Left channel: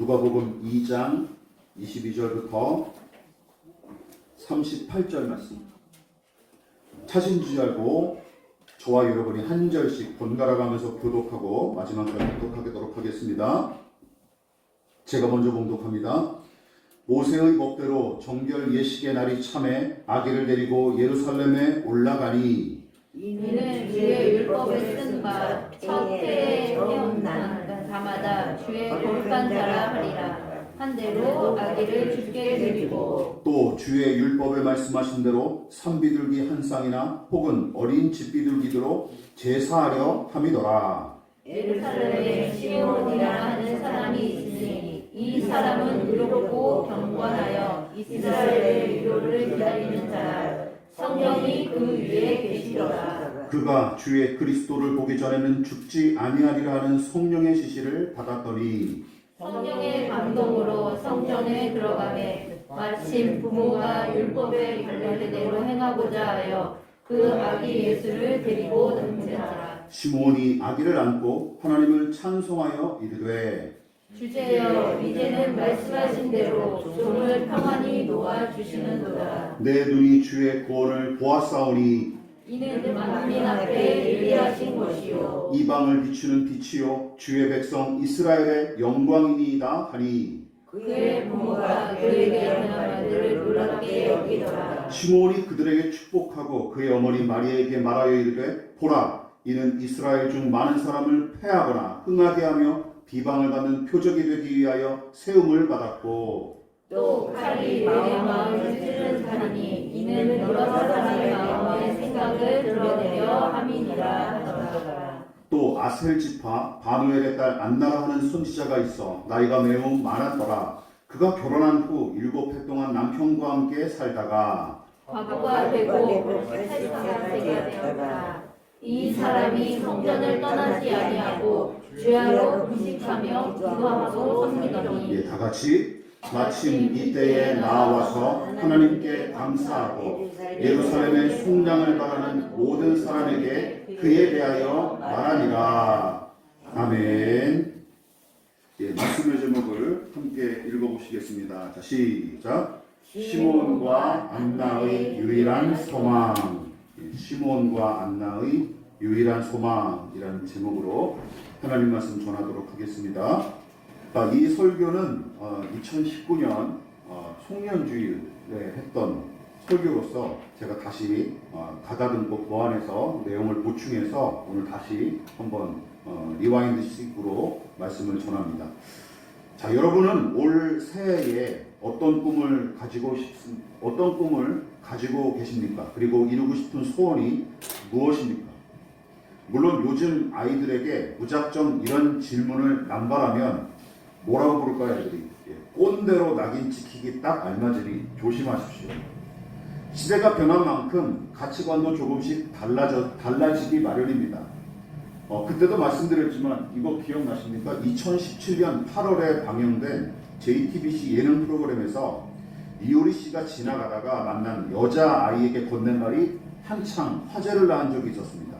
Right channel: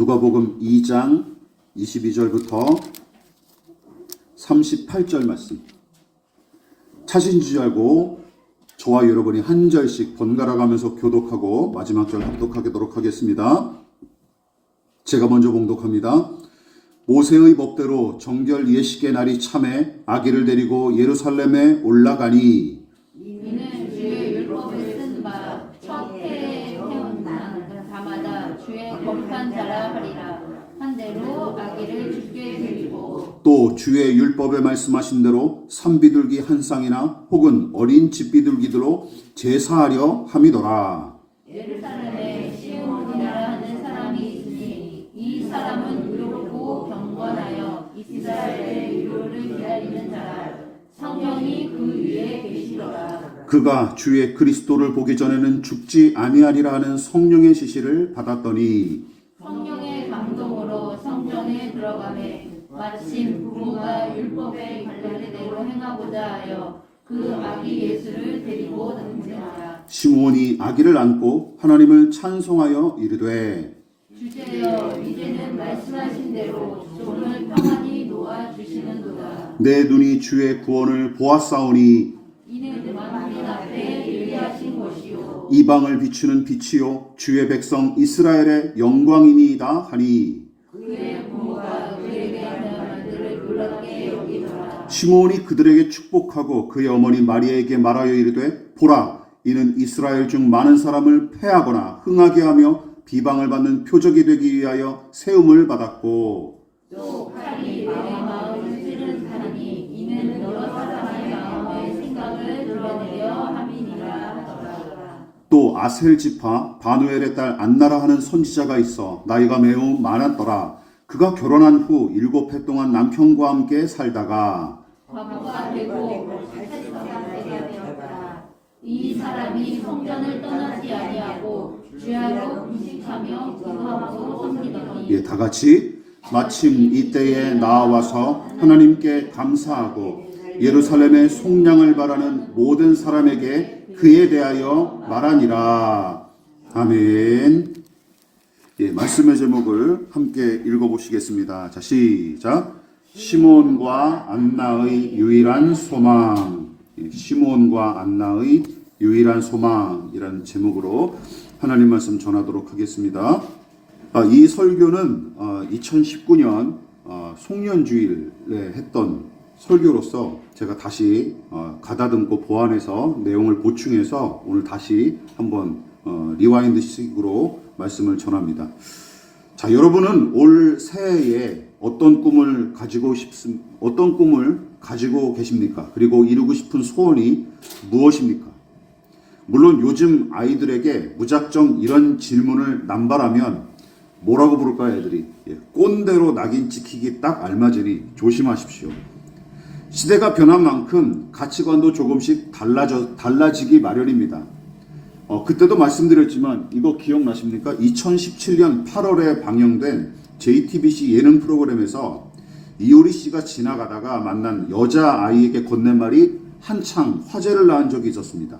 누가복음 2장 22절부터 38절 말씀. 차신 줄 알고 저와 여러분이 한 절씩 번갈아 가면서 교독하고 마지막 절 봉독하도록 하겠습니다. 제가 먼저 봉독합니다. 모세의 법대로 정결 예식의 날이 참에 아기를 데리고 예루살렘에 올라가니 이는 주의 율법에 쓴 바 첫 해에 태어난 자마다 주의 거룩한 자라 하리라. 한 대로 아기를 주께 드리고 또 주의 율법에 말씀하신 대로 산비둘기 한 쌍이나 혹은 어린 집비둘기들로 제사하려 함이더라. 예루살렘에 시온이라 하는 사람이 있으니 이 사람은 의롭고 경건하여 이스라엘의 유로를 기다리는 자라. 성령이 그 위에 계시더라. 그가 주의 그리스도를 보기 전에는 죽지 아니하리라 하는 성령의 지시를 받았더니 성령의 감동으로 성전에 들어가매 마침 부모가 율법의 관례대로 행하고자 하여 그 아기 예수를 데리고 등장하라. 시므온이 아기를 안고 하나님을 찬송하여 이르되 주제여 이제는 말씀하신 대로 종을 평안히 놓아주시는도다. 내 눈이 주의 구원을 보았사오니 이는 만민 앞에 예리하신 것이요 이방을 비추는 빛이요 주의 백성 이스라엘의 영광이니이다 하니 그의 부모가 그에게 하는 말들을 놀랍게 여기더라. 시므온이 그들에게 축복하고 그의 어머니 마리아에게 말하여 이르되 보라 이는 이스라엘 중 많은 사람을 패하거나 흥하게 하며 비방을 받는 표적이 되기 위하여 세움을 받았고 또 칼이 내 마음을 찌른 하니 이는 여러 사람의 마음의 생각을 드러내려 함이니라 하더라. 또 아셀 지파 바누엘의 딸 안나라 하는 선지자가 있어 나이가 매우 많았더라. 그가 결혼한 후 7해 동안 남편과 함께 살다가 과부가 되고 83세가 되었다. 이 사람이 성전을 떠나지 아니하고 주야로 금식하며 기도하고 섬기더니 다 같이 마침 이때에 나와서 하나님께 감사하고 예루살렘의 속량을 바라는 모든 사람에게 그에 대하여 말하니라. 아멘. 말씀의 제목을 함께 읽어보시겠습니다. 자, 시작. 시몬과 안나의 유일한 소망. 시몬과 안나의 유일한 소망이라는 제목으로 하나님 말씀 전하도록 하겠습니다. 이 설교는 2019년 송년주일에 했던 설교로서 제가 다시 가다듬고 보완해서 내용을 보충해서 오늘 다시 한번 리와인드식으로 말씀을 전합니다. 자, 여러분은 올 새해에 어떤 꿈을 가지고 계십니까? 그리고 이루고 싶은 소원이 무엇입니까? 물론 요즘 아이들에게 무작정 이런 질문을 남발하면 뭐라고 부를까요, 애들이? 꼰대로 낙인 찍히기 딱 알맞으니 조심하십시오. 시대가 변한 만큼 가치관도 조금씩 달라지기 마련입니다. 그때도 말씀드렸지만 이거 기억나십니까? 2017년 8월에 방영된 JTBC 예능 프로그램에서 이효리 씨가 지나가다가 만난 여자아이에게 건넨 말이 한창 화제를 낳은 적이 있었습니다.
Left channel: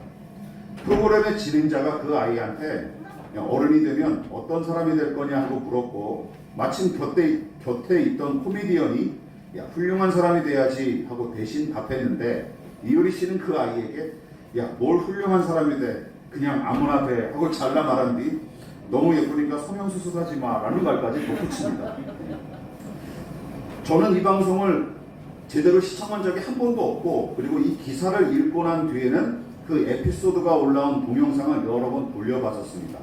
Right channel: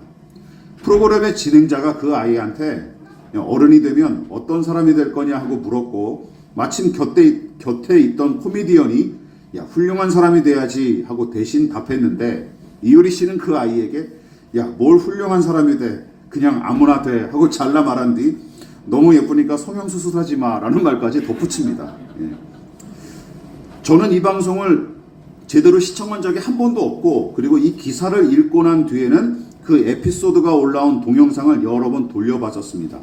프로그램의 진행자가 그 아이한테 어른이 되면 어떤 사람이 될 거냐 하고 물었고 마침 곁에 있던 코미디언이 야, 훌륭한 사람이 돼야지 하고 대신 답했는데 이효리 씨는 그 아이에게 야, 뭘 훌륭한 사람이 돼? 그냥 아무나 돼 하고 잘라 말한 뒤 너무 예쁘니까 성형수술하지 마 라는 말까지 덧붙입니다. 저는 이 방송을 제대로 시청한 적이 한 번도 없고 그리고 이 기사를 읽고 난 뒤에는 그 에피소드가 올라온 동영상을 여러 번 돌려봤었습니다.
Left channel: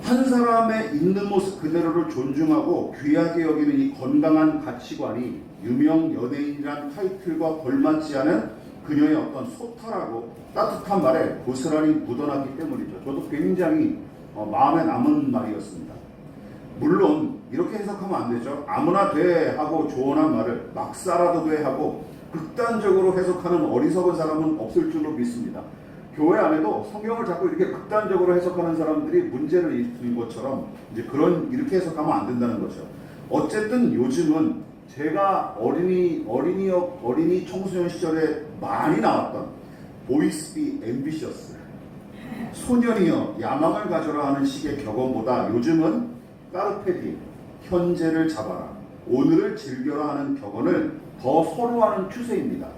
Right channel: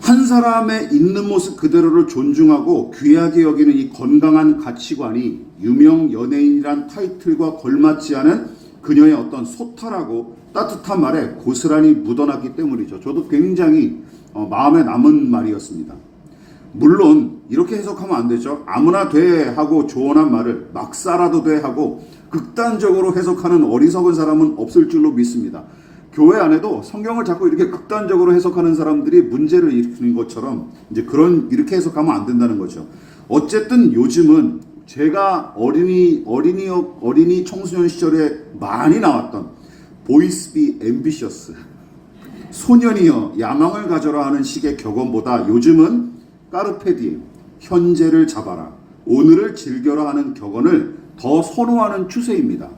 한 사람의 있는 모습 그대로를 존중하고 귀하게 여기는 이 건강한 가치관이 유명 연예인이란 타이틀과 걸맞지 않은 그녀의 어떤 소탈하고 따뜻한 말에 고스란히 묻어났기 때문이죠. 저도 굉장히 마음에 남은 말이었습니다. 물론 이렇게 해석하면 안 되죠. 아무나 돼 하고 조언한 말을 막 살아도 돼 하고 극단적으로 해석하는 어리석은 사람은 없을 줄로 믿습니다. 교회 안에도 성경을 자꾸 이렇게 극단적으로 해석하는 사람들이 문제를 일으키는 것처럼 이제 이렇게 해석하면 안 된다는 거죠. 어쨌든 요즘은 제가 어린이 청소년 시절에 많이 나왔던 보이스 비 앰비셔스 소년이여 야망을 가져라 하는 식의 격언보다 요즘은 까르페 디엠, 현재를 잡아라, 오늘을 즐겨라 하는 격언을 더 선호하는 추세입니다.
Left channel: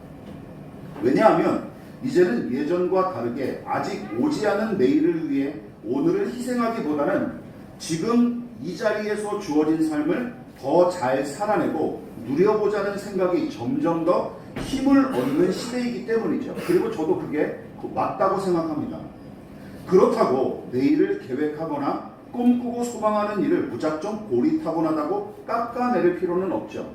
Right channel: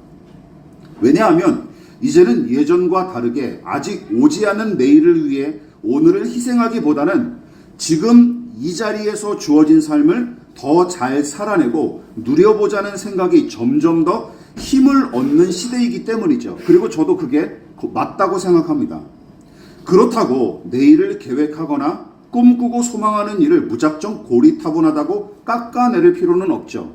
왜냐하면 이제는 예전과 다르게 아직 오지 않은 내일을 위해 오늘을 희생하기보다는 지금 이 자리에서 주어진 삶을 더 잘 살아내고 누려보자는 생각이 점점 더 힘을 얻는 시대이기 때문이죠. 그리고 저도 그게 맞다고 생각합니다. 그렇다고 내일을 계획하거나 꿈꾸고 소망하는 일을 무작정 고리타분하다고 깎아내릴 필요는 없죠.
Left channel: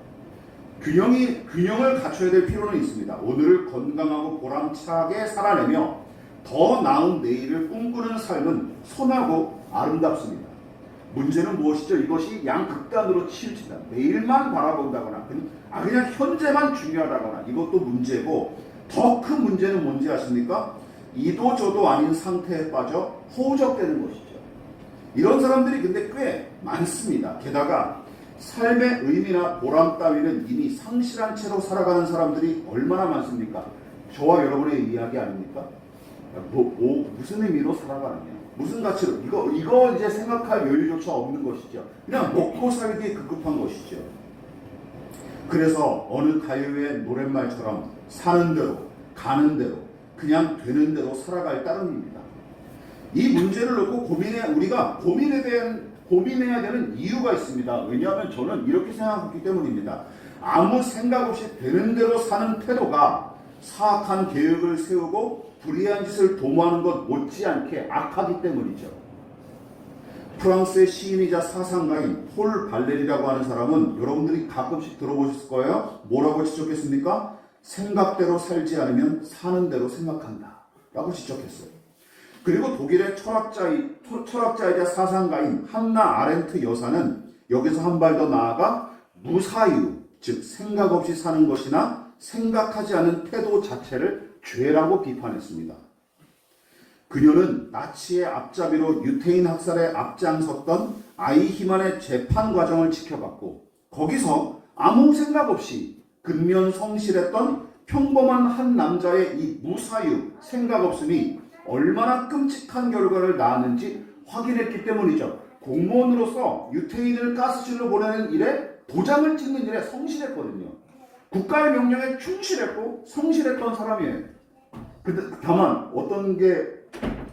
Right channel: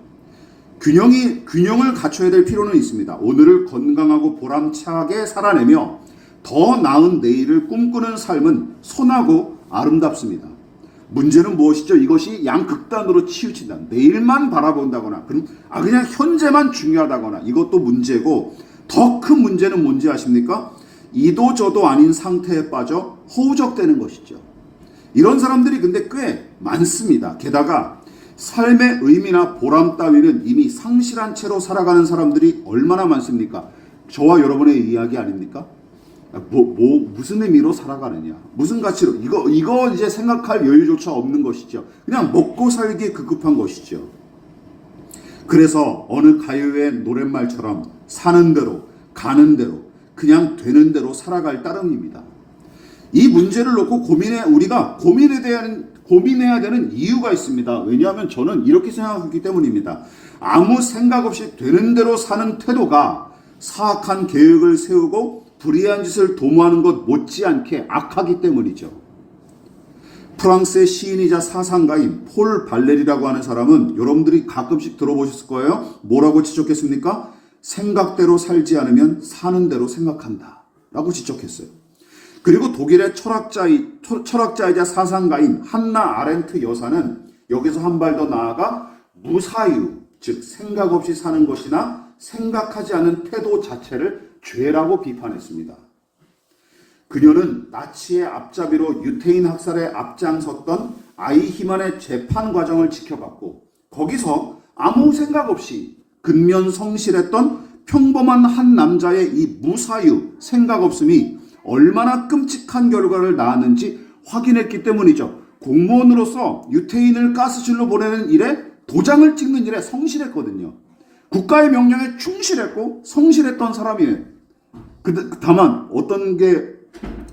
균형을 갖춰야 될 필요는 있습니다. 오늘을 건강하고 보람차게 살아내며 더 나은 내일을 꿈꾸는 삶은 선하고 아름답습니다. 문제는 무엇이죠? 이것이 양극단으로 치우친다. 내일만 바라본다거나 그냥 현재만 중요하다거나 이것도 문제고, 더 큰 문제는 뭔지 아십니까? 이도 저도 아닌 상태에 빠져 허우적대는 것이죠. 이런 사람들이 근데 꽤 많습니다. 게다가 삶의 의미나 보람 따위는 이미 상실한 채로 살아가는 사람들이 얼마나 많습니까? 저와 여러분의 이야기 아닙니까? 무슨 의미로 살아가느냐, 무슨 가치로, 이거 이제 생각할 여유조차 없는 것이죠. 그냥 먹고 살기에 급급한 것이죠. 그래서 어느 가요의 노랫말처럼 사는 대로 가는 대로 그냥 되는 대로 살아갈 따름입니다. 이 문제를 놓고 우리가 고민해야 되는 이유가 있습니다. 왜냐하면 저는 이렇게 생각하기 때문입니다. 아무 생각 없이 되는 대로 사는 태도가 사악한 계획을 세우고 불의한 짓을 도모하는 것 못지않게 악하기 때문이죠. 프랑스의 시인이자 사상가인 폴 발레리라고 하는 사람은 여러분들이 가끔씩 들어보셨을 거예요. 뭐라고 지적했습니까? 생각대로 살지 않으면 사는 대로 생각한다 라고 지적했어요. 그리고 독일의 철학자이자 사상가인 한나 아렌트 여사는 여기서 한 발 더 나아가 무사유, 즉 생각 없이 사는 것이나 생각하지 않은 태도 자체를 죄라고 비판했습니다. 그녀는 나치의 앞잡이로 유태인 학살에 앞장섰던 아이히만의 재판 과정을 지켜봤고, 거기서 아무 생각 없이 근면성실했던 평범한 한 남자의 이 무사유, 생각 없음이 얼마나 끔찍한 결과를 낳았는지 확인했기 때문이죠. 공무원으로서 유태인을 가스실로 보내는 일에, 도장을 찍는 일에 성실했거든요. 국가의 명령에 충실했고 성실했던 사람이에요. 다만 어떤 게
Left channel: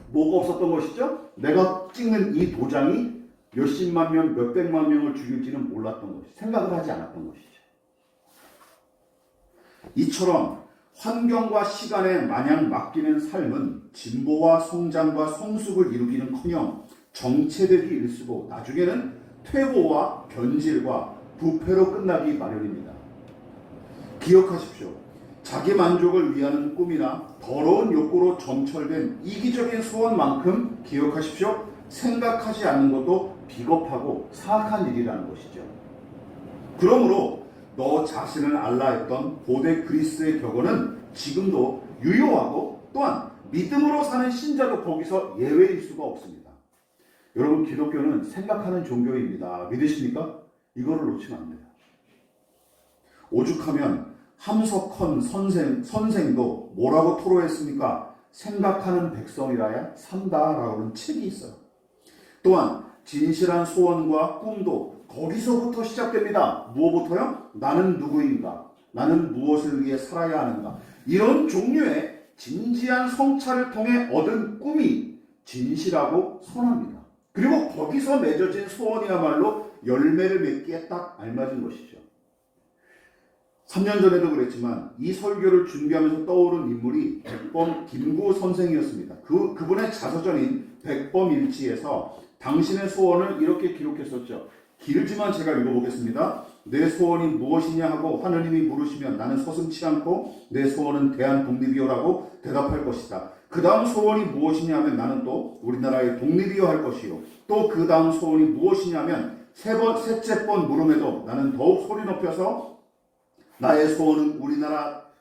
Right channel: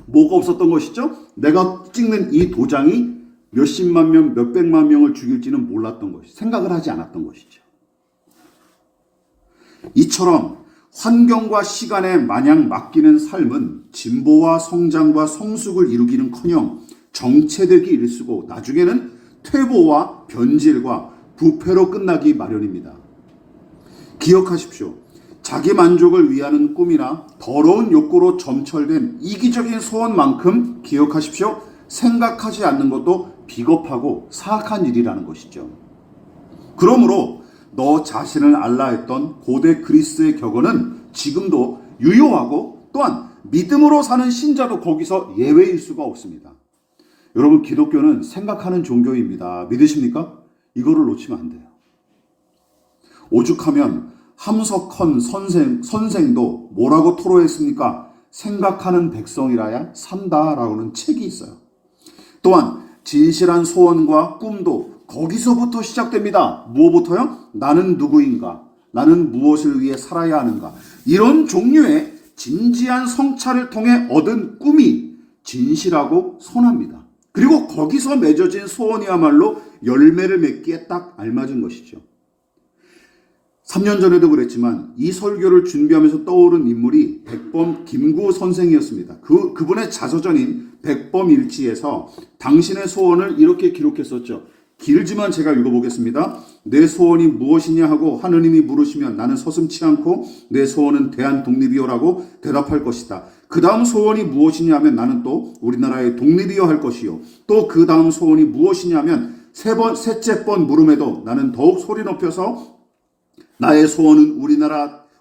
뭐가 없었던 것이죠? 내가 찍는 이 도장이 몇십만 명, 몇백만 명을 죽일지는 몰랐던 것이죠. 생각을 하지 않았던 것이죠. 이처럼 환경과 시간에 마냥 맡기는 삶은 진보와 성장과 성숙을 이루기는커녕 정체되기 일쑤고 나중에는 퇴보와 변질과 부패로 끝나기 마련입니다. 기억하십시오. 자기 만족을 위하는 꿈이나 더러운 욕구로 점철된 이기적인 소원만큼 기억하십시오. 생각하지 않는 것도 비겁하고 사악한 일이라는 것이죠. 그러므로 너 자신을 알라 했던 고대 그리스의 격언은 지금도 유효하고, 또한 믿음으로 사는 신자도 거기서 예외일 수가 없습니다. 여러분, 기독교는 생각하는 종교입니다. 믿으십니까? 이거를 놓치면 안 돼요. 오죽하면 함석헌 선생도 뭐라고 토로했습니까? 생각하는 백성이라야 산다라고는 책이 있어요. 또한 진실한 소원과 꿈도 거기서부터 시작됩니다. 무엇부터요? 나는 누구인가? 나는 무엇을 위해 살아야 하는가? 이런 종류의 진지한 성찰을 통해 얻은 꿈이 진실하고 선합니다. 그리고 거기서 맺어진 소원이야말로 열매를 맺기에 딱 알맞은 것이죠. 3년 전에도 그랬지만 이 설교를 준비하면서 떠오른 인물이 백범 김구 선생이었습니다. 그분의 자서전인 백범일지에서 당신의 소원을 이렇게 기록했었죠. 길지만 제가 읽어보겠습니다. 내 소원이 무엇이냐 하고 하느님이 물으시면 나는 서슴치 않고 내 소원은 대한독립이요라고 대답할 것이다. 그 다음 소원이 무엇이냐 하면 나는 또 우리나라의 독립이요 할 것이요. 또 그 다음 소원이 무엇이냐 하면 셋째 번 물음에도 나는 더욱 소리 높여서 나의 소원은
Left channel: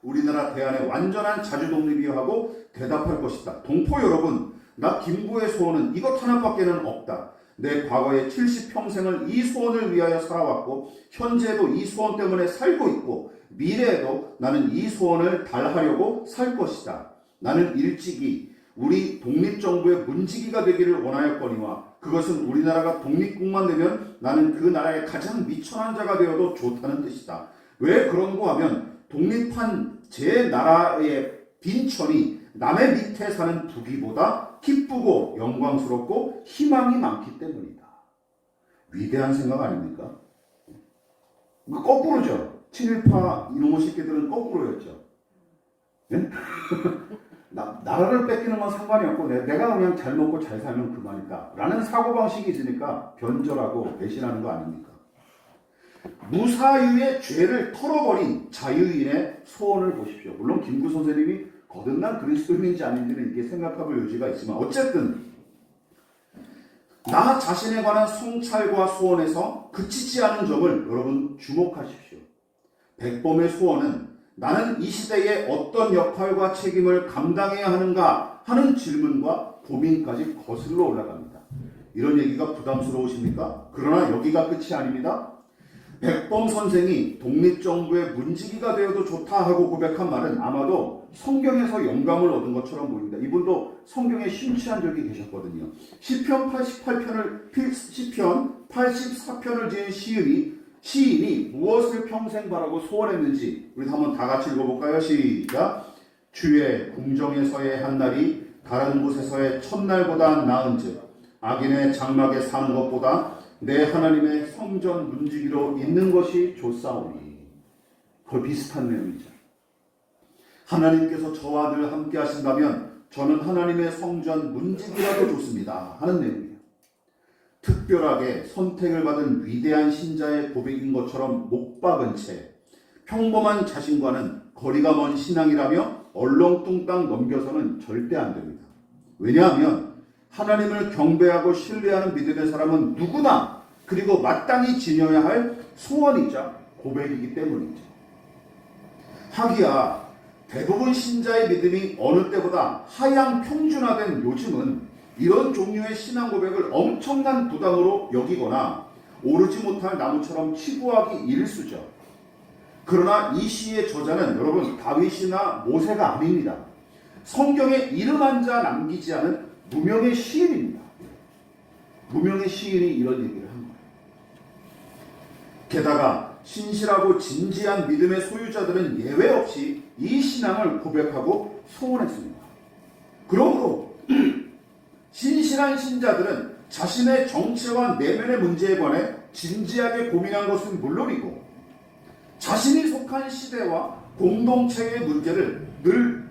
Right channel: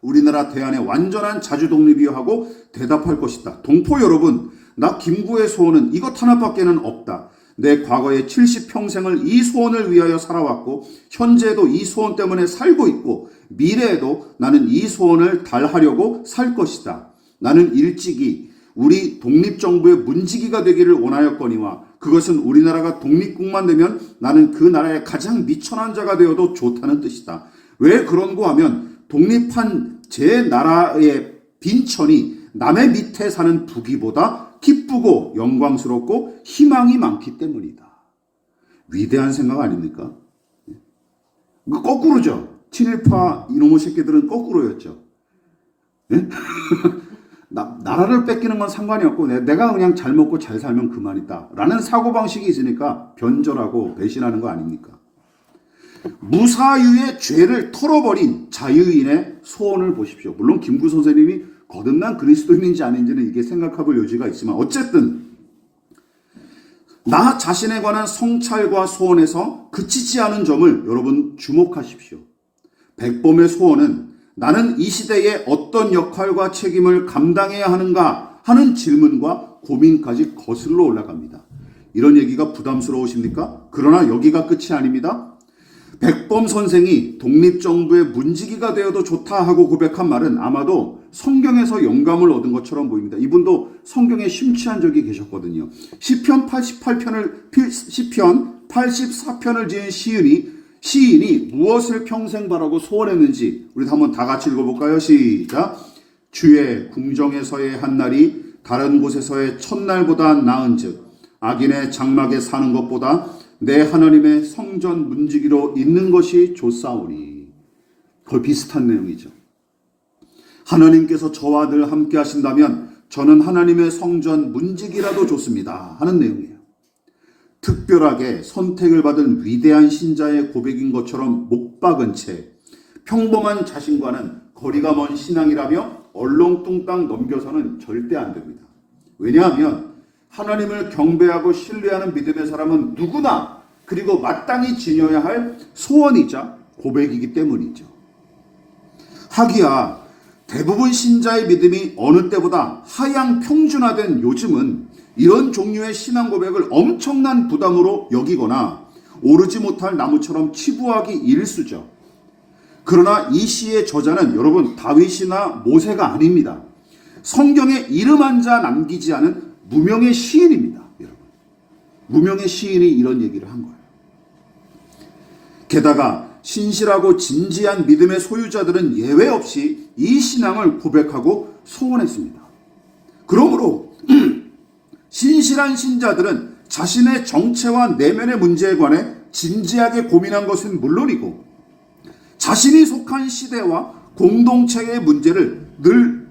우리나라 대한의 완전한 자주독립이요 하고 대답할 것이다. 동포 여러분, 나 김구의 소원은 이것 하나밖에는 없다. 내 과거의 70평생을 이 소원을 위하여 살아왔고 현재에도 이 소원 때문에 살고 있고 미래에도 나는 이 소원을 달하려고 살 것이다. 나는 일찍이 우리 독립정부의 문지기가 되기를 원하였거니와 그것은 우리나라가 독립국만 되면 나는 그 나라의 가장 미천한 자가 되어도 좋다는 뜻이다. 왜 그런고 하면 독립한 제 나라의 빈천이 남의 밑에 사는 부귀보다 기쁘고 영광스럽고 희망이 많기 때문이다. 위대한 생각 아닙니까? 거꾸로죠. 친일파 이놈의 새끼들은 거꾸로였죠. 네? 나라를 뺏기는 건 상관이 없고 내가 그냥 잘 먹고 잘 살면 그만이다 라는 사고방식이 있으니까 변절하고 배신하는 거 아닙니까? 무사유의 죄를 털어버린 자유인의 소원을 보십시오. 물론 김구 선생님이 거듭난 그리스도인인지 아닌지는 이게 생각해볼 여지가 있지만 어쨌든 나 자신에 관한 성찰과 소원에서 그치지 않은 점을 여러분 주목하십시오. 백범의 소원은 나는 이 시대에 어떤 역할과 책임을 감당해야 하는가 하는 질문과 고민까지 거슬러 올라갑니다. 이런 얘기가 부담스러우십니까? 그러나 여기가 끝이 아닙니다. 백범 선생이 독립정부의 문지기가 되어도 좋다 하고 고백한 말은 아마도 성경에서 영감을 얻은 것처럼 보입니다. 이분도 성경에 심취한 적이 계셨거든요. 시편 84편을 지은 시인이 무엇을 평생 바라고 소원했는지 우리 한번 다 같이 읽어볼까요? 시작. 주의 궁정에서의 한날이 다른 곳에서의 첫날보다 나은즉 악인의 장막에 사는 것보다 내 하나님의 성전 문지기로 있는 것이 좋사오니. 거의 비슷한 내용이죠. 하나님께서 저와 늘 함께 하신다면 저는 하나님의 성전 문지기라도 좋습니다 하는 내용이에요. 특별하게 선택을 받은 위대한 신자의 고백인 것처럼 못 박은 채 평범한 자신과는 거리가 먼 신앙이라며 얼렁뚱땅 넘겨서는 절대 안 됩니다. 왜냐하면 하나님을 경배하고 신뢰하는 믿음의 사람은 누구나 그리고 마땅히 지녀야 할 소원이자 고백이기 때문이죠. 하기야 대부분 신자의 믿음이 어느 때보다 하향 평준화된 요즘은 이런 종류의 신앙 고백을 엄청난 부담으로 여기거나 오르지 못할 나무처럼 치부하기 일쑤죠. 그러나 이 시의 저자는 여러분 다윗이나 모세가 아닙니다. 성경에 이름 한 자 남기지 않은 무명의 시인입니다. 무명의 시인이 이런 얘기를 한 거예요. 게다가 신실하고 진지한 믿음의 소유자들은 예외 없이 이 신앙을 고백하고 소원했습니다. 그러므로 신실한 신자들은 자신의 정체와 내면의 문제에 관해 진지하게 고민한 것은 물론이고 자신이 속한 시대와 공동체의 문제를 늘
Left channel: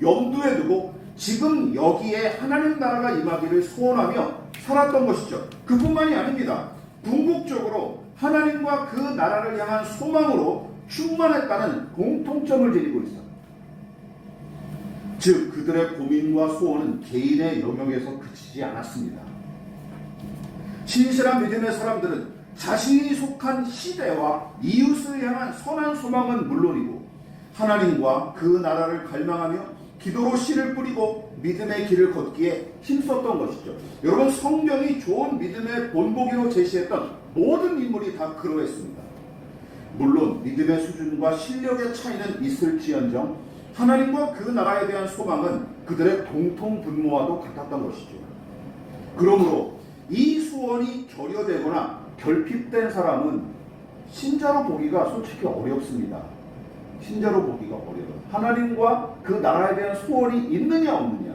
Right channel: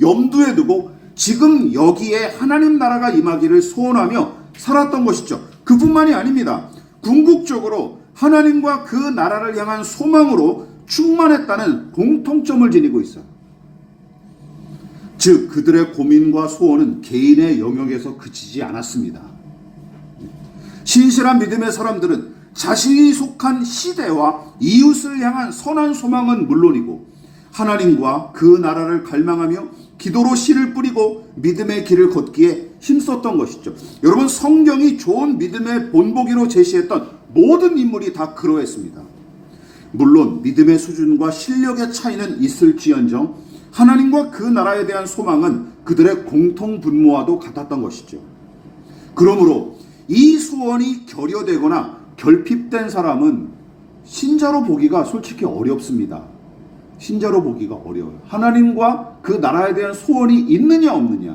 염두에 두고 지금 여기에 하나님 나라가 임하기를 소원하며 살았던 것이죠. 그뿐만이 아닙니다. 궁극적으로 하나님과 그 나라를 향한 소망으로 충만했다는 공통점을 지니고 있어요. 즉 그들의 고민과 소원은 개인의 영역에서 그치지 않았습니다. 신실한 믿음의 사람들은 자신이 속한 시대와 이웃을 향한 선한 소망은 물론이고 하나님과 그 나라를 갈망하며 기도로 씨를 뿌리고 믿음의 길을 걷기에 힘썼던 것이죠. 여러분 성경이 좋은 믿음의 본보기로 제시했던 모든 인물이 다 그러했습니다. 물론 믿음의 수준과 실력의 차이는 있을지언정 하나님과 그 나라에 대한 소망은 그들의 공통 분모와도 같았던 것이죠. 그러므로 이 소원이 결여되거나 결핍된 사람은 신자로 보기가 솔직히 어렵습니다. 신자로 보기가 어려워요. 하나님과 그 나라에 대한 소원이 있느냐 없느냐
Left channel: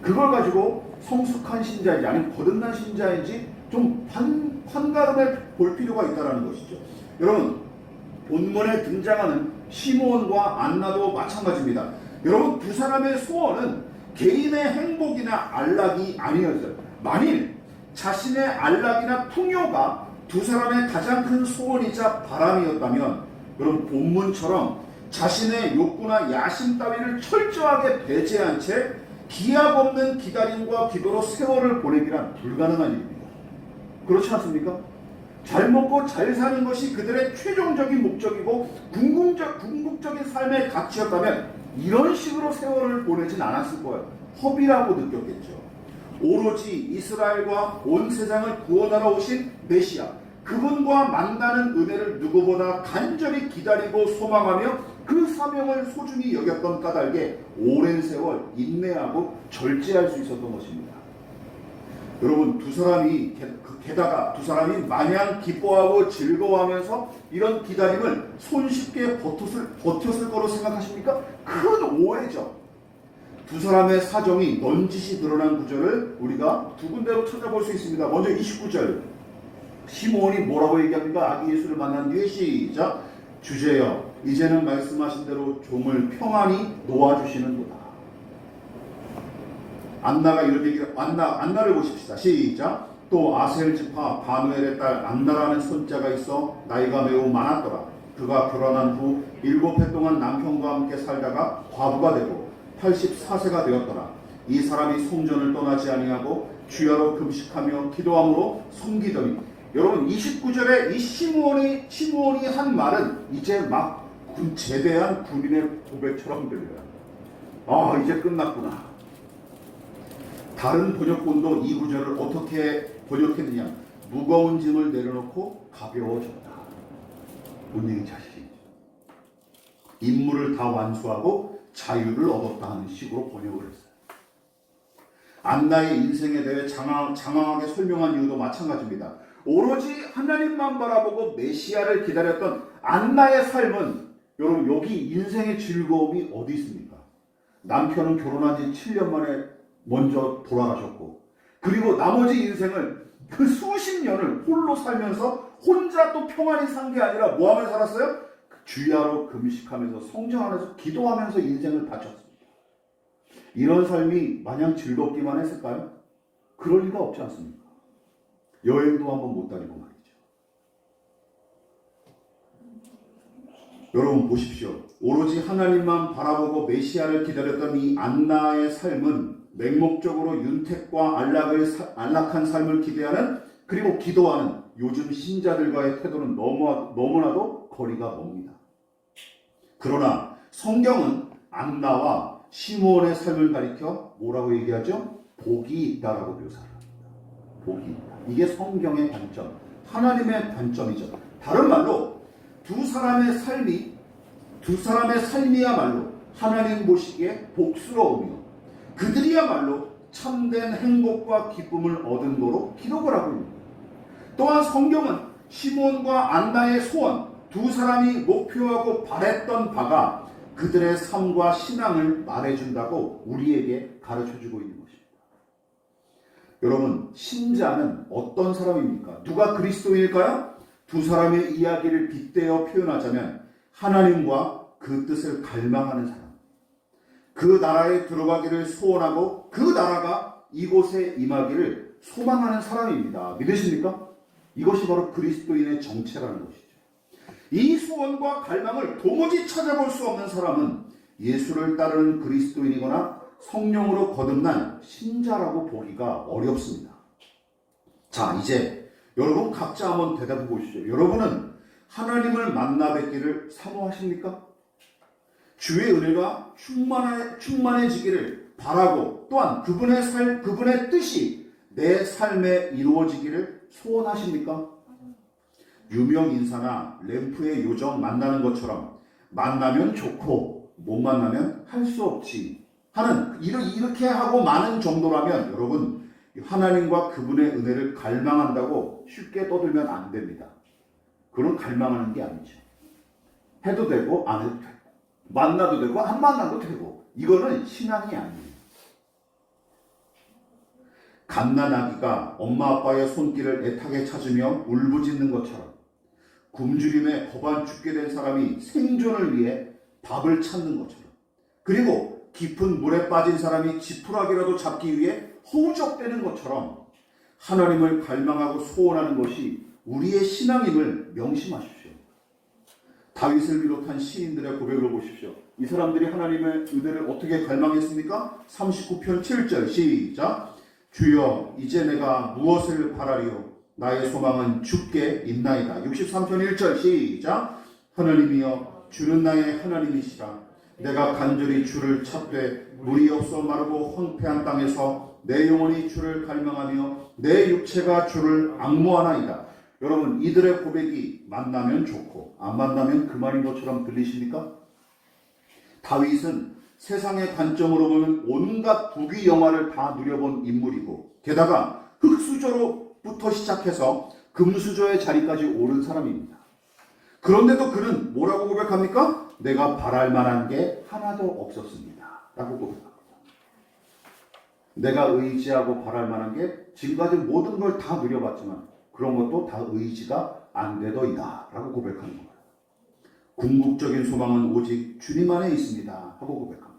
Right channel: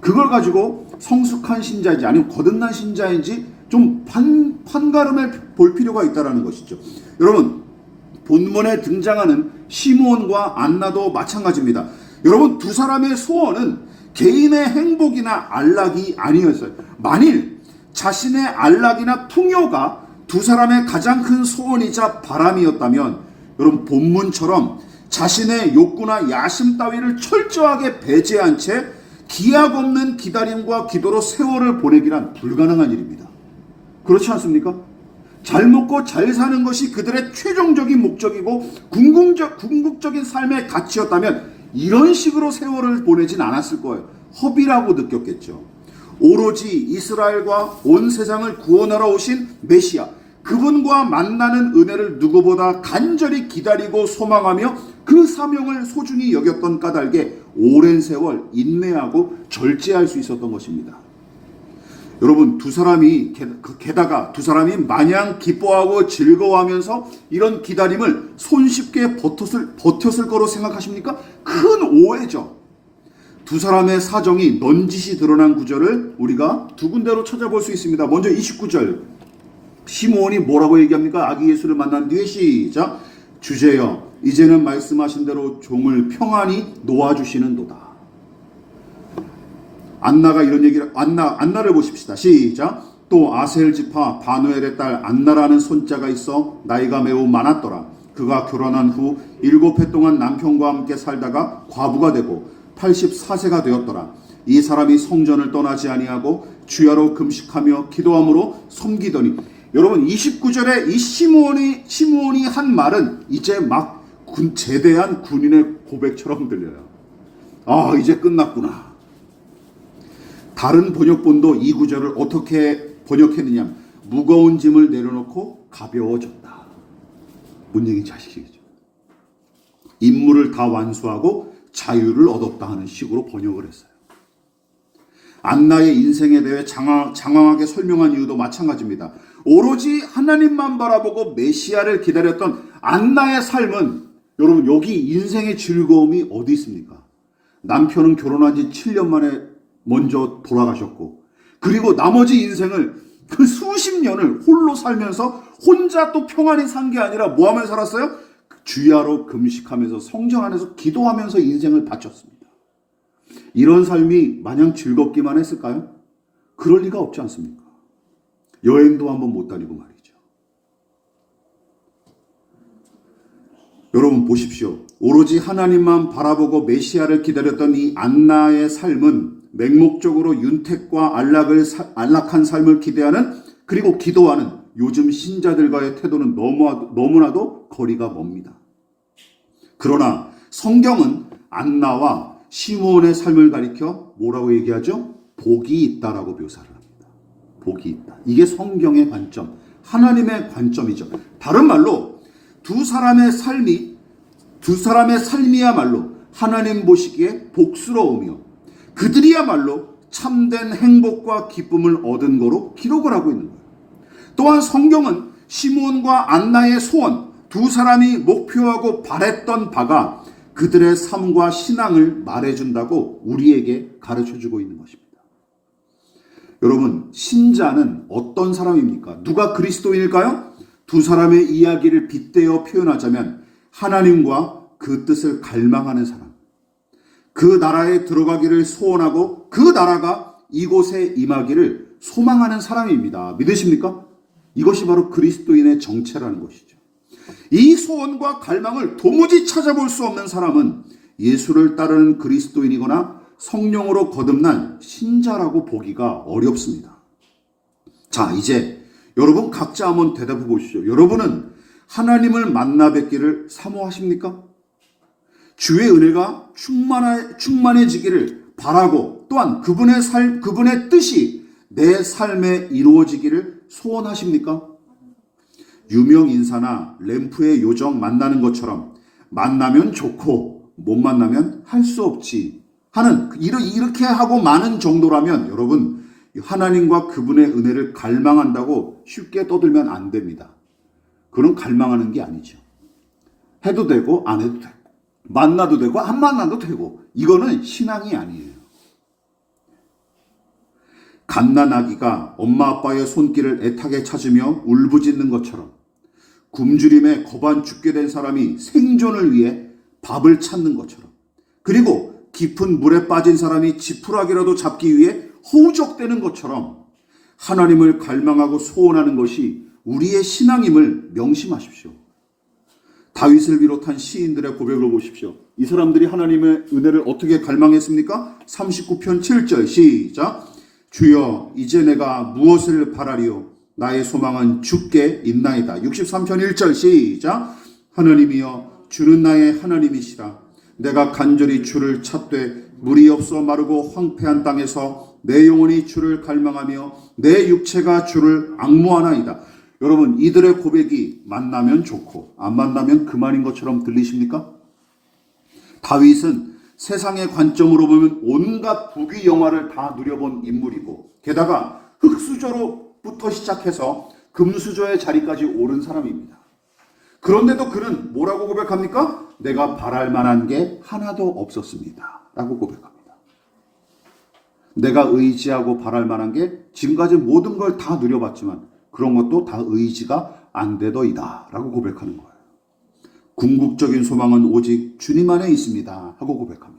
그걸 가지고 성숙한 신자인지 아니면 거듭난 신자인지 좀 판가름해 볼 필요가 있다는 것이죠. 여러분 본문에 등장하는 시므온과 안나도 마찬가지입니다. 여러분 두 사람의 소원은 개인의 행복이나 안락이 아니었어요. 만일 자신의 안락이나 풍요가 두 사람의 가장 큰 소원이자 바람이었다면 여러분 본문처럼 자신의 욕구나 야심 따위를 철저하게 배제한 채 기약 없는 기다림과 기도로 세월을 보내기란 불가능한 일입니다. 그렇지 않습니까? 잘 먹고 잘 사는 것이 그들의 최종적인 목적이고 궁극적인 삶의 가치였다면 이런 식으로 세월을 보내진 않았을 거예요. 허비라고 느꼈겠죠. 오로지 이스라엘과 온 세상을 구원하러 오신 메시아 그분과 만나는 은혜를 누구보다 간절히 기다리고 소망하며 그 사명을 소중히 여겼던 까닭에 오랜 세월 인내하고 절제할 수 있었던 것입니다. 여러분 게다가 두 사람이 마냥 기뻐하고 즐거워하면서 이런 기다림을 손쉽게 버텼을 거로 생각하십니까? 큰 오해죠. 두 사람의 사정이 넌지시 드러난 구절을 우리가 두 군데로 찾아볼 수 있습니다. 먼저 29절 시므온이 뭐라고 얘기합니까? 아기 예수를 만난 뒤에 시작. 주제여 이제는 말씀하신 대로 종을 평안히 놓아주시는도다. 안나가 이런 얘기를 안나를 보십시다. 시작. 또 아셀 지파 바누엘의 딸 안나라는 손자가 있어 나이가 매우 많았더라. 그가 결혼한 후 7해 동안 남편과 함께 살다가 과부가 되고 84세가 되었더라. 이 사람이 성전을 떠나지 아니하고 주야로 금식하며 기도함으로 섬기더니 여러분 29절에 이 시므온이 한 말은 이제 막 제대한 군인의 고백처럼 들려요. 아 이제 끝났구나. 다른 번역본도 이 구절을 어떻게 번역했느냐. 무거운 짐을 내려놓고 가벼워졌다. 뭔 얘기인지 아시겠죠? 임무를 다 완수하고 자유를 얻었다 하는 식으로 번역을 했어요. 안나의 인생에 대해 장황하게 설명한 이유도 마찬가지입니다. 오로지 하나님만 바라보고 메시아를 기다렸던 안나의 삶은 여러분 여기 인생의 즐거움이 어디 있습니까? 남편은 결혼한 지 7년 만에 먼저 돌아가셨고 그리고 나머지 인생을 그 수십 년을 홀로 살면서 혼자 또 평안히 산 게 아니라 뭐 하면서 살았어요? 주야로 금식하면서 성전 안에서 기도하면서 인생을 바쳤습니다. 이런 삶이 마냥 즐겁기만 했을까요? 그럴 리가 없지 않습니까? 여행도 한번 못 다니고 말이죠. 여러분 보십시오. 오로지 하나님만 바라보고 메시아를 기다렸던 이 안나의 삶은 맹목적으로 윤택과 안락한 삶을 기대하는 그리고 기도하는 요즘 신자들과의 태도는 너무나도 거리가 멉니다. 그러나 성경은 안나와 시므온의 삶을 가리켜 뭐라고 얘기하죠? 복이 있다라고 묘사를 합니다. 복이 있다. 이게 성경의 관점, 하나님의 관점이죠. 다른 말로 두 사람의 삶이야말로 하나님 보시기에 복스러우며 그들이야말로 참된 행복과 기쁨을 얻은 거로 기록을 하고 있는 거예요. 또한 성경은 시므온과 안나의 소원, 두 사람이 목표하고 바랬던 바가 그들의 삶과 신앙을 말해준다고 우리에게 가르쳐주고 있는 것입니다. 여러분, 신자는 어떤 사람입니까? 누가 그리스도인일까요? 두 사람의 이야기를 빗대어 표현하자면 하나님과 그 뜻을 갈망하는 사람, 그 나라에 들어가기를 소원하고 그 나라가 이곳에 임하기를 소망하는 사람입니다. 믿으십니까? 이것이 바로 그리스도인의 정체라는 것이죠. 이 소원과 갈망을 도무지 찾아볼 수 없는 사람은 예수를 따르는 그리스도인이거나 성령으로 거듭난 신자라고 보기가 어렵습니다. 자, 이제 여러분 각자 한번 대답해 보시죠. 여러분은 하나님을 만나 뵙기를 사모하십니까? 주의 은혜가 충만해지기를 바라고 또한 그분의 뜻이 내 삶에 이루어지기를 소원하십니까? 유명 인사나 램프의 요정 만나는 것처럼 만나면 좋고 못 만나면 할 수 없지 하는 이렇게 하고 많은 정도라면 여러분 하나님과 그분의 은혜를 갈망한다고 쉽게 떠들면 안 됩니다. 그건 갈망하는 게 아니죠. 해도 되고 안 해도 되고 만나도 되고 안 만나도 되고 이거는 신앙이 아니에요. 갓난 아기가 엄마 아빠의 손길을 애타게 찾으며 울부짖는 것처럼 굶주림에 거반 죽게 된 사람이 생존을 위해 밥을 찾는 것처럼 그리고 깊은 물에 빠진 사람이 지푸라기라도 잡기 위해 허우적대는 것처럼 하나님을 갈망하고 소원하는 것이 우리의 신앙임을 명심하십시오. 다윗을 비롯한 시인들의 고백을 보십시오. 이 사람들이 하나님의 은혜를 어떻게 갈망했습니까? 39편 7절 시작. 주여 이제 내가 무엇을 바라리요? 나의 소망은 주께 있나이다. 63편 1절 시작. 하나님이여 주는 나의 하나님이시라. 내가 간절히 주를 찾되 물이 없어 마르고 황폐한 땅에서 내 영혼이 주를 갈망하며 내 육체가 주를 앙모하나이다. 여러분 이들의 고백이 만나면 좋고 안 만나면 그만인 것처럼 들리십니까? 다윗은 세상의 관점으로 보면 온갖 부귀 영화를 다 누려본 인물이고 게다가 금수저로부터 시작해서 금수저의 자리까지 오른 사람입니다. 그런데도 그는 뭐라고 고백합니까? 내가 바랄 만한 게 하나도 없었습니다 라고 고백합니다. 내가 의지하고 바랄 만한 게 지금까지 모든 걸 다 누려봤지만 그런 것도 다 의지가 안 되더이다 라고 고백하는 거예요. 궁극적인 소망은 오직 주님 안에 있습니다 하고 고백합니다.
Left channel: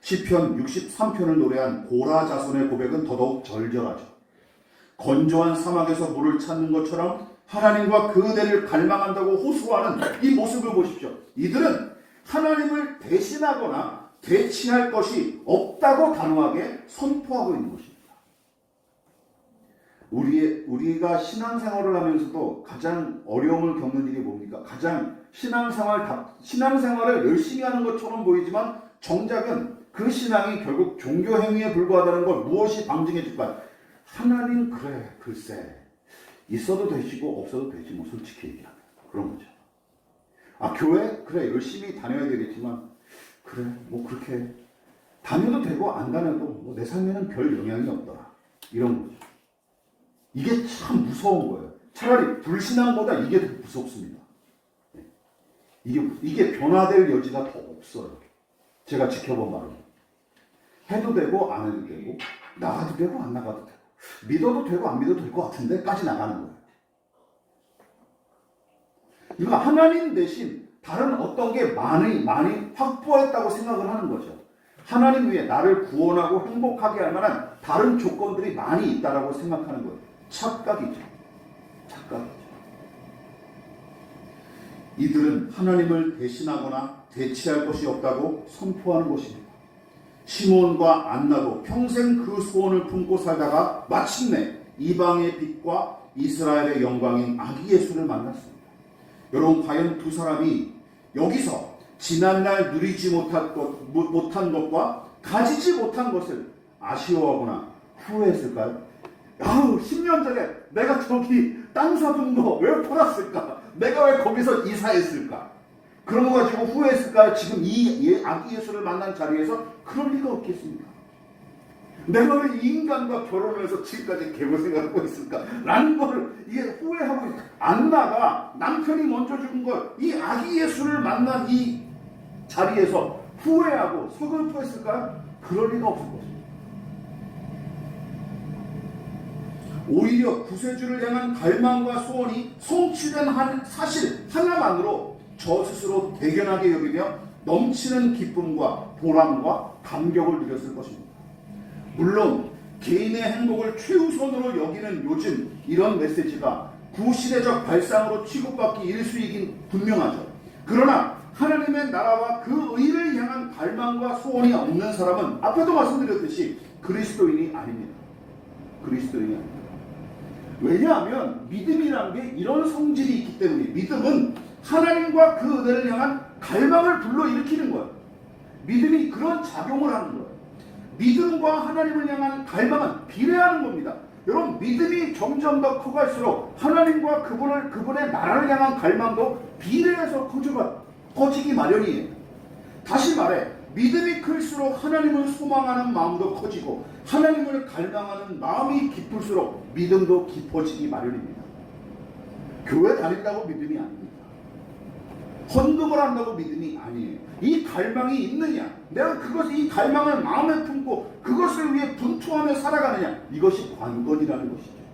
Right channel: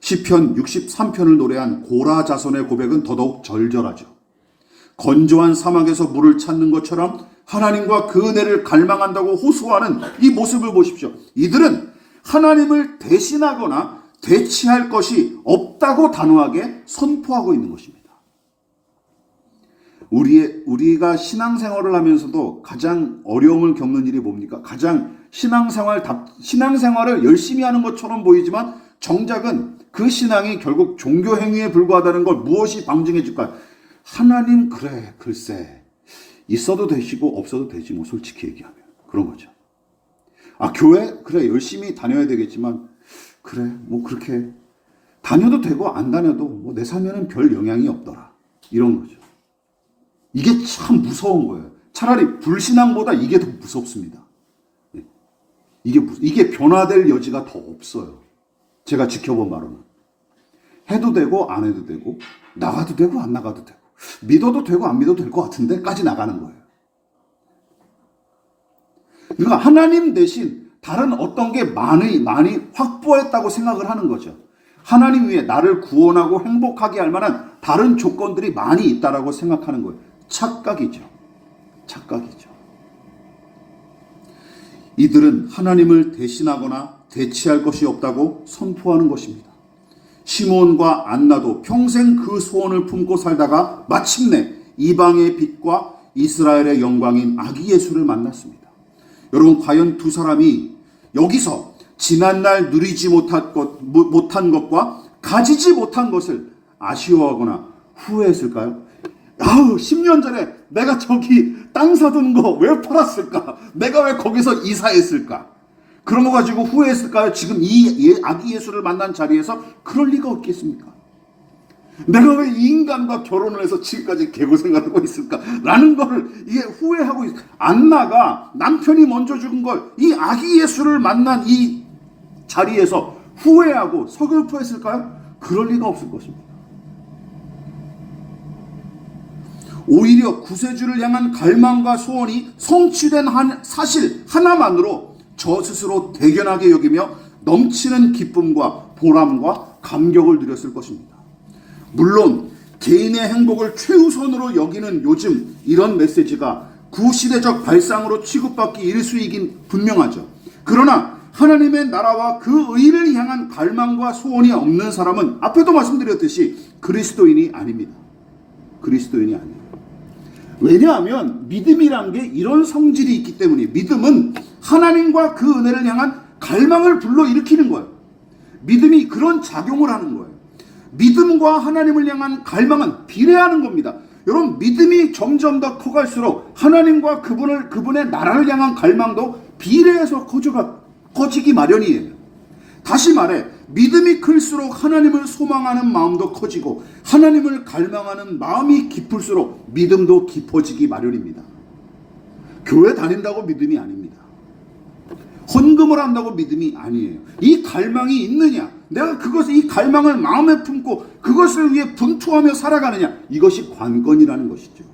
시편 63편을 노래한 고라 자손의 고백은 더더욱 절절하죠. 건조한 사막에서 물을 찾는 것처럼 하나님과 그 은혜를 갈망한다고 호소하는 이 모습을 보십시오. 이들은 하나님을 대신하거나 대치할 것이 없다고 단호하게 선포하고 있는 것입니다. 우리가 신앙생활을 하면서도 가장 어려움을 겪는 일이 뭡니까? 가장 신앙생활을 열심히 하는 것처럼 보이지만 정작은 그 신앙이 결국 종교 행위에 불과하다는 걸 무엇이 방증해 줄까요? 하나님 그래 글쎄 있어도 되시고 없어도 되지 뭐 솔직히 얘기하면 그런 거죠. 아 교회 그래 열심히 다녀야 되겠지만 그래 뭐 그렇게 다녀도 되고 안 다녀도 뭐 내 삶에는 별 영향이 없더라 이런 거죠. 이게 참 무서운 거예요. 차라리 불신앙보다 이게 더 무섭습니다. 이게 변화될 여지가 더 없어요. 제가 지켜본 바로는 해도 되고 안 해도 되고 나가도 되고 안 나가도 되고 믿어도 되고 안 믿어도 될 것 같은데까지 나가는 거예요. 그러니까 하나님 대신 다른 어떤 게 많이 확보했다고 생각을 하는 거죠. 하나님 위에 나를 구원하고 행복하게 할 만한 다른 조건들이 많이 있다라고 생각하는 거예요. 착각이죠. 착각이죠. 이들은 하나님을 대신하거나 대치할 것이 없다고 선포하는 것입니다. 시몬과 안나도 평생 그 소원을 품고 살다가 마침내 이방의 빛과 이스라엘의 영광인 아기 예수를 만났습니다. 여러분 과연 두 사람이 여기서 지난날 누리지 못한 것과 가지지 못한 것을 아쉬워하거나 후회했을까요? 10년 전에 내가 저기 땅 사둔 거 왜 팔았을까? 내가 왜 거기서 이사했을까? 그런 거 가지고 후회했을까요? 지금 이 아기 예수를 만난 자리에서 그럴 리가 없겠습니까? 내가 왜 이 인간과 결혼을 해서 지금까지 개고생을 하고 있을까? 라는 거를 이게 후회하고 있어요. 안나가 남편이 먼저 죽은 걸 이 아기 예수를 만난 이 자리에서 후회하고 서글퍼했을까요? 그럴 리가 없을 것입니다. 오히려 구세주를 향한 갈망과 소원이 성취된 사실 하나만으로 저 스스로 대견하게 여기며 넘치는 기쁨과 보람과 감격을 누렸을 것입니다. 물론 개인의 행복을 최우선으로 여기는 요즘 이런 메시지가 구시대적 발상으로 취급받기 일쑤이긴 분명하죠. 그러나 하나님의 나라와 그 의를 향한 갈망과 소원이 없는 사람은 앞에도 말씀드렸듯이 그리스도인이 아닙니다. 그리스도인이 아닙니다. 왜냐하면 믿음이란 게 이런 성질이 있기 때문에 믿음은 하나님과 그 은혜를 향한 갈망을 불러일으키는 거예요. 믿음이 그런 작용을 하는 거예요. 믿음과 하나님을 향한 갈망은 비례하는 겁니다. 여러분 믿음이 점점 더 커갈수록 하나님과 그분의 나라를 향한 갈망도 비례해서 커지기 마련이에요. 다시 말해 믿음이 클수록 하나님을 소망하는 마음도 커지고 하나님을 갈망하는 마음이 깊을수록 믿음도 깊어지기 마련입니다. 교회 다닌다고 믿음이 아닙니다. 헌금을 한다고 믿음이 아니에요. 이 갈망이 있느냐, 내가 이 갈망을 마음에 품고 그것을 위해 분투하며 살아가느냐, 이것이 관건이라는 것이죠.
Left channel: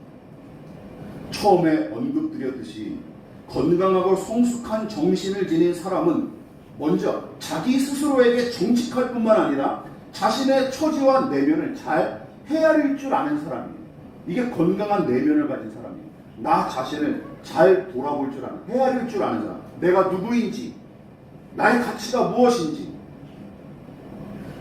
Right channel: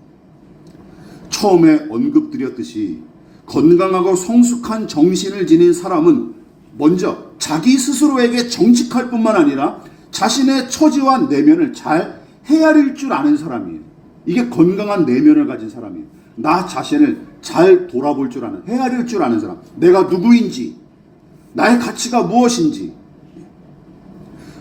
처음에 언급드렸듯이 건강하고 성숙한 정신을 지닌 사람은 먼저 자기 스스로에게 정직할 뿐만 아니라 자신의 처지와 내면을 잘 헤아릴 줄 아는 사람이에요. 이게 건강한 내면을 가진 사람이에요. 나 자신을 잘 돌아볼 줄 아는, 헤아릴 줄 아는 사람. 내가 누구인지, 나의 가치가 무엇인지.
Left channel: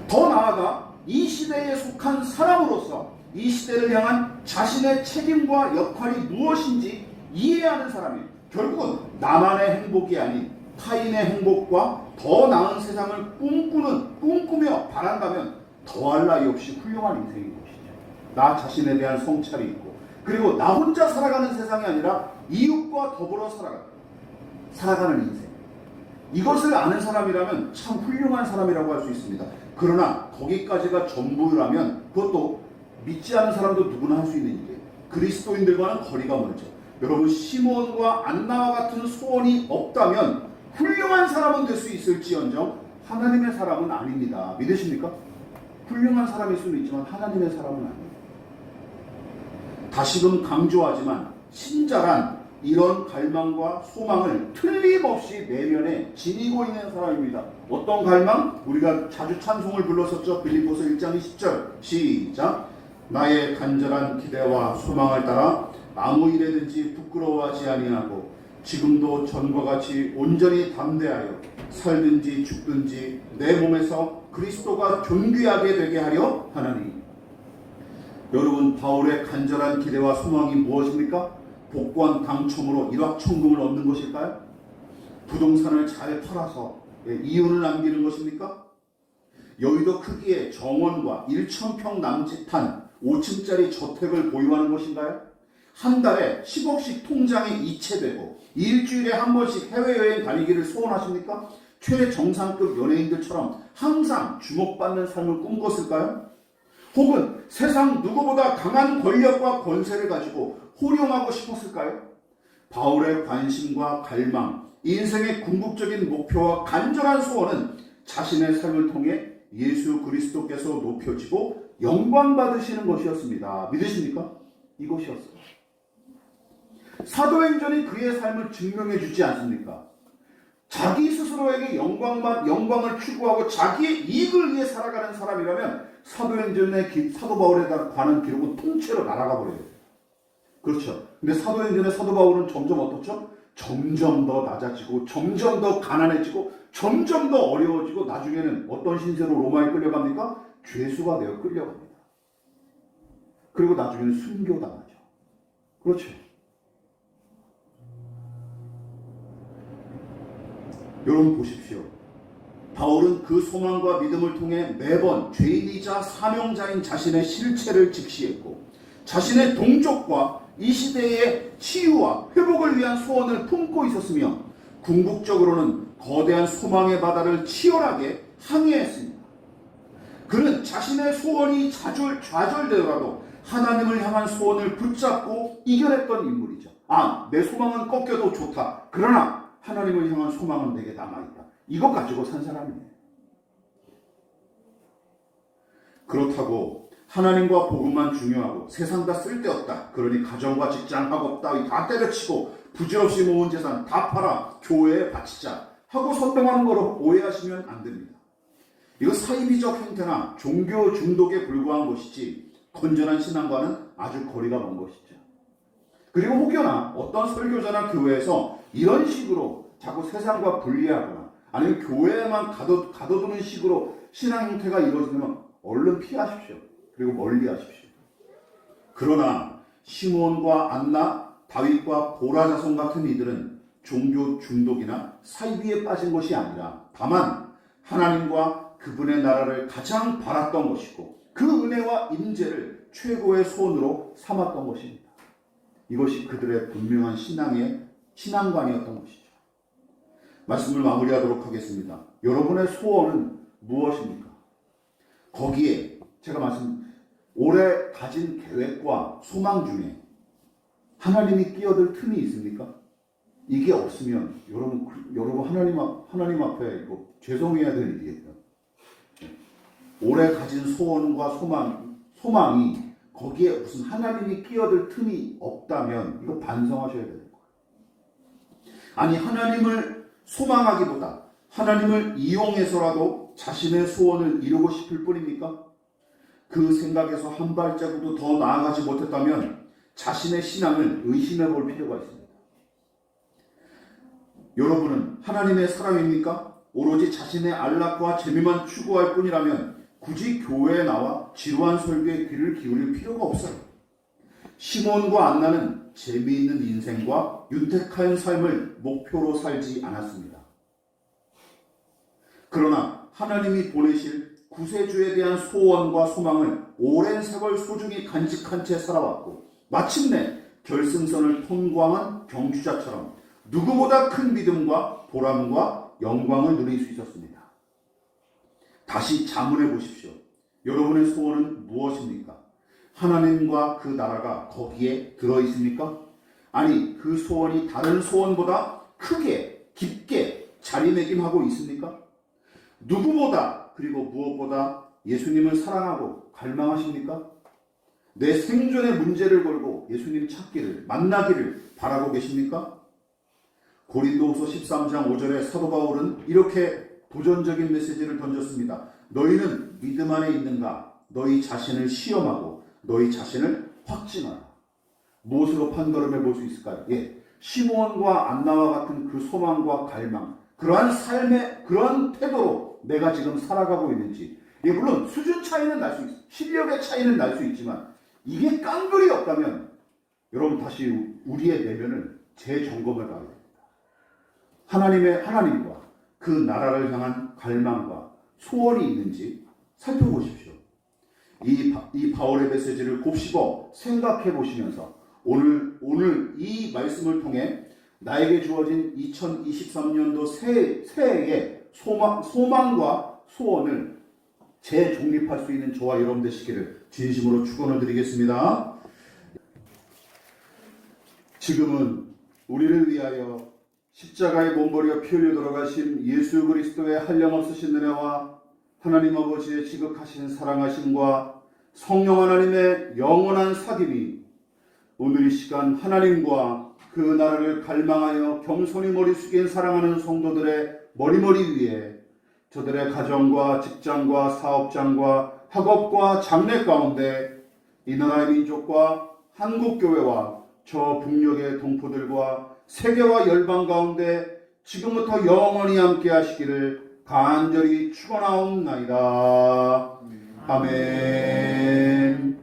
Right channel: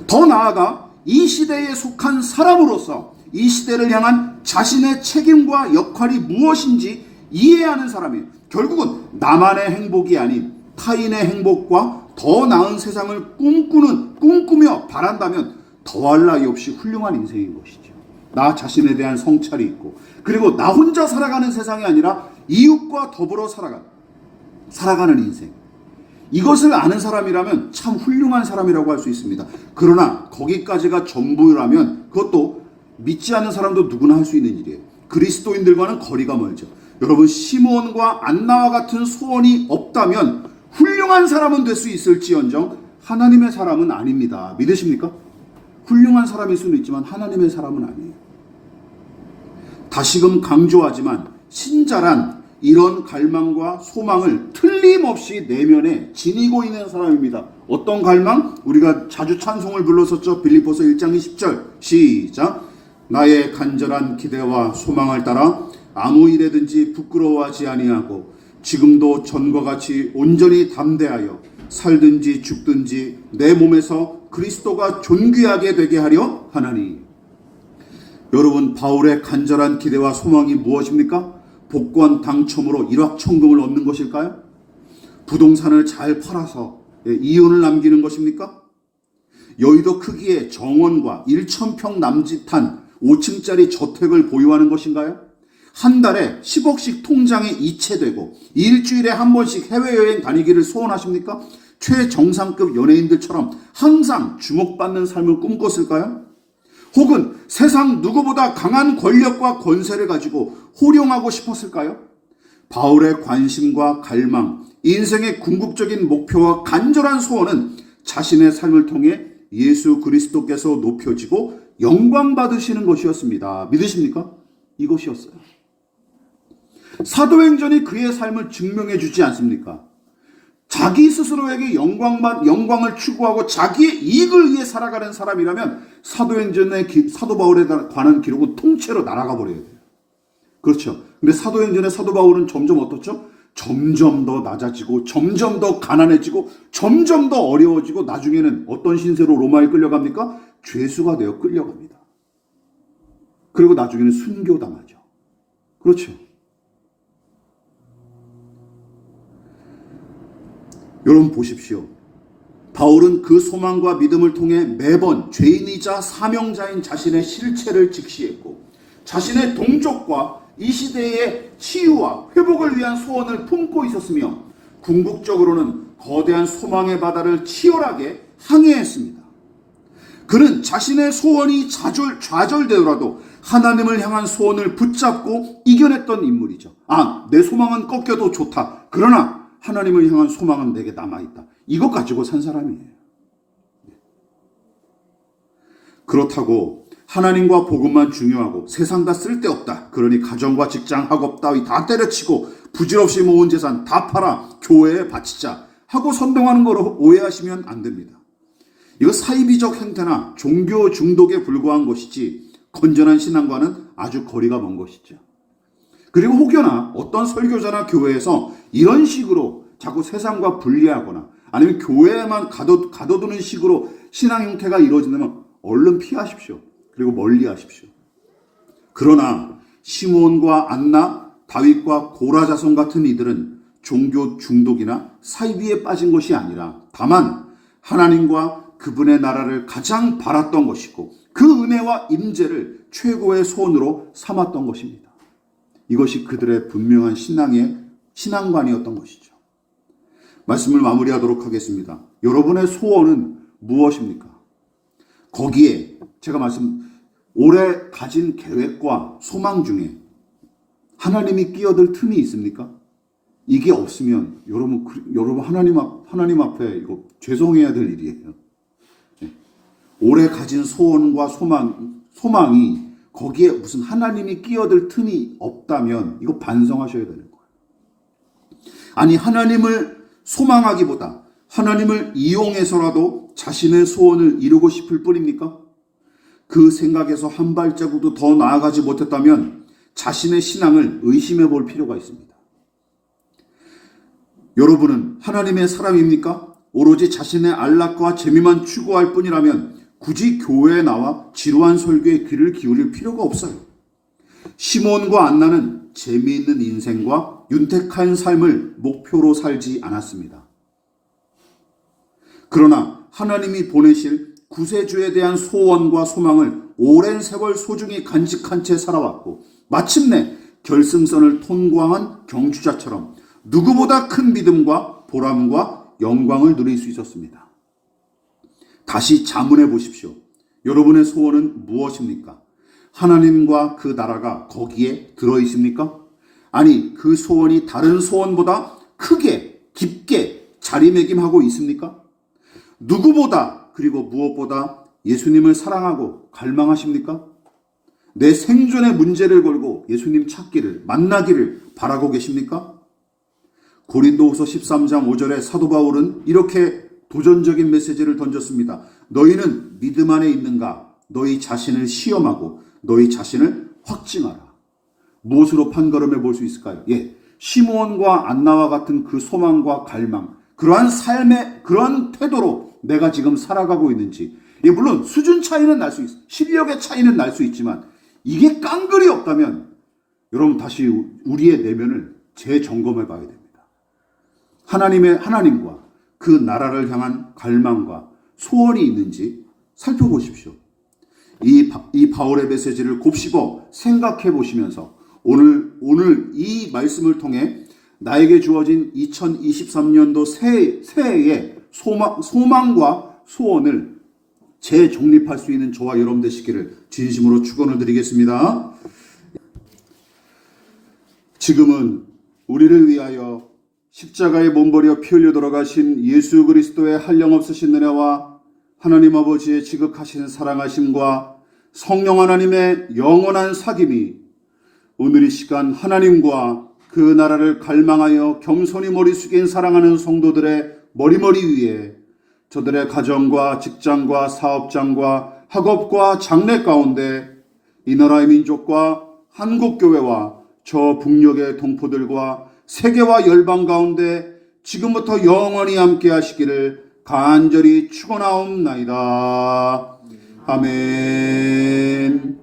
더 나아가 이 시대에 속한 사람으로서 이 시대를 향한 자신의 책임과 역할이 무엇인지 이해하는 사람이에요. 결국은 나만의 행복이 아닌 타인의 행복과 더 나은 세상을 꿈꾸며 바란다면 더할 나위 없이 훌륭한 인생인 것이죠. 나 자신에 대한 성찰이 있고, 그리고 나 혼자 살아가는 세상이 아니라 이웃과 더불어 살아가는 인생. 이것을 아는 사람이라면 참 훌륭한 사람이라고 할 수 있습니다. 그러나 거기까지가 전부라면 그것도 믿지 않는 사람도 누구나 할 수 있는 일이에요. 그리스도인들과는 거리가 멀죠. 여러분, 시몬과 안나와 같은 소원이 없다면 훌륭한 사람은 될 수 있을지언정 하나님의 사람은 아닙니다. 믿으십니까? 훌륭한 사람일 수는 있지만 하나님의 사람은 아니에요. 다시금 강조하지만 신자란 이런 갈망과 소망을 틀림없이 내면에 지니고 있는 사람입니다. 어떤 갈망? 우리가 자주 찬송을 불렀었죠. 빌립보서 1장 20절 시작. 나의 간절한 기대와 소망을 따라 아무 일에든지 부끄러워하지 아니하고 지금도 전과 같이 온전히 담대하여 살든지 죽든지 내 몸에서 그리스도가 존귀하게 되게 하려 하나니. 여러분, 바울의 간절한 기대와 소망이 무엇입니까? 복권 당첨으로 일확천금을 얻는 것일까요? 부동산을 잘 팔아서 이윤을 남기는 것입니까? 여의도 크기의 정원과 1,000평 남짓한 5층짜리 저택을 보유하는 것인가요? 한 달에 10억씩 통장에 이체되고 일주일에 한 번씩 해외여행 다니기를 소원하십니까? 최정상급 연예인들처럼 항상 주목받는 삶을 꿈꿨을까요? 혹은 세상 누구보다 강한 권력과 권세를 가지고 호령하고 싶었을까요? 바울의 관심과 갈망, 인생의 궁극적인 목표와 간절한 소원은 자신의 삶을 통해 예수 그리스도께서 높여지고 영광 받으시는 것이었습니다. 믿으십니까? 이것이었어요. 사도행전이 그의 삶을 증명해 주지 않습니까? 자기 스스로에게 영광을 추구하고 자기의 이익을 위해 살아가는 사람이라면 사도행전의 사도 바울에 관한 기록은 통째로 날아가 버려야 돼요. 그렇죠. 근데 사도행전의 사도 바울은 점점 어떻죠? 점점 더 낮아지고 점점 더 가난해지고 점점 더 어려워지고 나중에는 어떤 신세로 로마에 끌려갑니까? 죄수가 되어 끌려갑니다. 그리고 나중에는 순교당하죠. 그렇죠. 여러분 보십시오. 바울은 그 소망과 믿음을 통해 매번 죄인이자 사명자인 자신의 실체를 직시했고 자신의 동족과 이 시대의 치유와 회복을 위한 소원을 품고 있었으며 궁극적으로는 거대한 소망의 바다를 치열하게 항해했습니다. 그는 자신의 소원이 좌절되더라도 하나님을 향한 소원을 붙잡고 이겨냈던 인물이죠. 내 소망은 꺾여도 좋다. 그러나 하나님을 향한 소망은 내게 남아있다. 이것 가지고 산 사람이에요. 그렇다고 하나님과 복음만 중요하고 세상 다 쓸데없다. 그러니 가정과 직장, 학업 따위 다 때려치고 부질없이 모은 재산 다 팔아 교회에 바치자 하고 선동하는 거로 오해하시면 안 됩니다. 이거 사이비적 행태나 종교 중독에 불과한 것이지 건전한 신앙과는 아주 거리가 먼 것이죠. 그리고 혹여나 어떤 설교자나 교회에서 이런 식으로 자꾸 세상과 분리하거나 아니면 교회에만 가둬두는 식으로 신앙 형태가 이루어진다면 얼른 피하십시오. 그리고 멀리하십시오. 그러나 시몬과 안나, 다윗과 고라자손 같은 이들은 종교 중독이나 사이비에 빠진 것이 아니라 다만 하나님과 그분의 나라를 가장 바랐던 것이고 그 은혜와 임재를 최고의 소원으로 삼았던 것입니다. 이것이 그들의 분명한 신앙관이었던 것이죠. 말씀을 마무리하도록 하겠습니다. 여러분의 소원은 무엇입니까? 거기에 제가 올해 가진 계획과 소망 중에 하나님이 끼어들 틈이 있습니까? 이게 없으면 여러분 하나님 앞에 이거 죄송해야 될 일이에요. 올해 가진 소원과 소망이 거기에 무슨 하나님이 끼어들 틈이 없다면 이거 반성하셔야 되는 거예요. 아니, 하나님을 소망하기보다 하나님을 이용해서라도 자신의 소원을 이루고 싶을 뿐입니까? 그 생각에서 한 발자국도 더 나아가지 못했다면 자신의 신앙을 의심해 볼 필요가 있습니다. 여러분은 하나님의 사람입니까? 오로지 자신의 안락과 재미만 추구할 뿐이라면 굳이 교회에 나와 지루한 설교에 귀를 기울일 필요가 없어요. 시몬과 안나는 재미있는 인생과 윤택한 삶을 목표로 살지 않았습니다. 그러나 하나님이 보내실 구세주에 대한 소원과 소망을 오랜 세월 소중히 간직한 채 살아왔고 마침내 결승선을 통과한 경주자처럼 누구보다 큰 믿음과 보람과 영광을 누릴 수 있었습니다. 다시 자문해 보십시오. 여러분의 소원은 무엇입니까? 하나님과 그 나라가 거기에 들어있습니까? 아니, 그 소원이 다른 소원보다 크게 깊게 자리매김하고 있습니까? 누구보다 그리고 무엇보다 예수님을 사랑하고 갈망하십니까? 내 생존의 문제를 걸고 예수님 찾기를 만나기를 바라고 계십니까? 고린도후서 13장 5절에 사도 바울은 이렇게 도전적인 메시지를 던졌습니다. 너희는 믿음 안에 있는가? 너희 자신을 시험하고 너희 자신을 확증하라. 무엇으로 판가름해 볼 수 있을까요? 시므온과 안나와 같은 그 소망과 갈망, 그러한 삶의 그런 태도로 내가 지금 살아가고 있는지. 물론 수준 차이는 날 수 있어요. 실력의 차이는 날 수 있지만 이게 깡그리 없다면 여러분 다시 우리의 내면을 재점검해 봐야 됩니다. 하나님과 그 나라를 향한 갈망과 소원이 있는지 살펴보십시오. 이 바울의 메시지를 곱씹어 생각해 보시면서 오늘 이 말씀을 통해 나에게 주어진 2023년도 새해의 소망과 소원을 재정립할 수 있는 저와 여러분 되시기를 진심으로 축원을 드리겠습니다. 지금은 우리를 위하여 십자가에 몸버려 피 흘려 돌아가신 예수 그리스도의 한량없으신 은혜와 하나님 아버지의 지극하신 사랑하심과 성령 하나님의 영원한 사귐이 오늘 이 시간 하나님과 그 나라를 갈망하여 겸손히 머리 숙인 사랑하는 성도들의 머리머리 위에 저들의 가정과 직장과 사업장과 학업과 장래 가운데 이 나라의 민족과 한국교회와 저 북녘의 동포들과 세계와 열방 가운데 지금부터 영원히 함께 하시기를 간절히 축원하옵나이다. 아멘.